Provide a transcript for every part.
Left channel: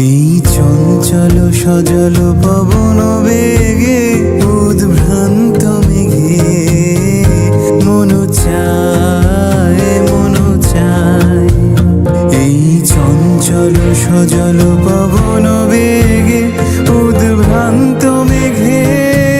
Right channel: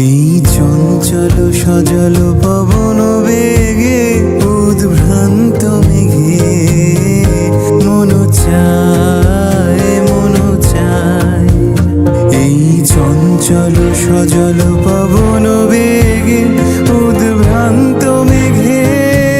এই চঞ্চল সজল পবন বেগে উদ্ভ্রান্ত মেঘে। মন চায় মন চায়। এই চঞ্চল সজল পবন বেগে উদ্ভ্রান্ত মেঘে।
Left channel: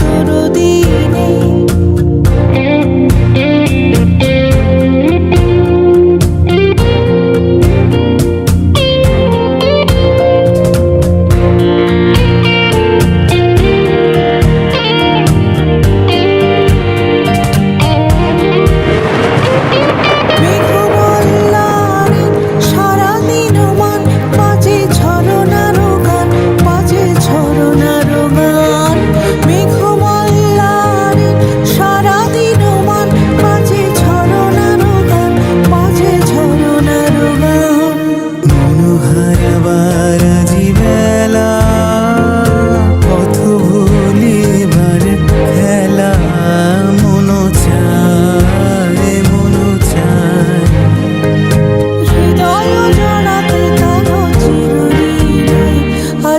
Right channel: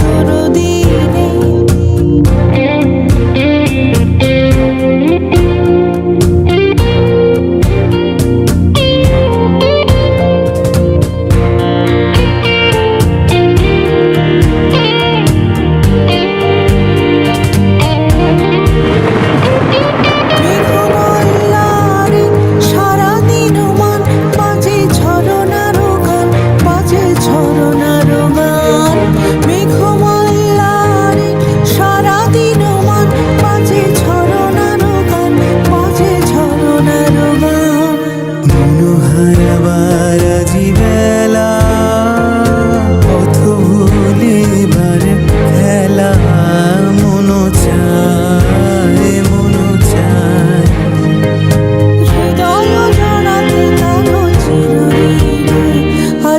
ঝরনার গান মেঘমল্লারে সারাদিন মান বাজে ঝরনার গান বাজে ঝরনার গান মনোহারাবার বেলা পথ ভুলিবার খেলা।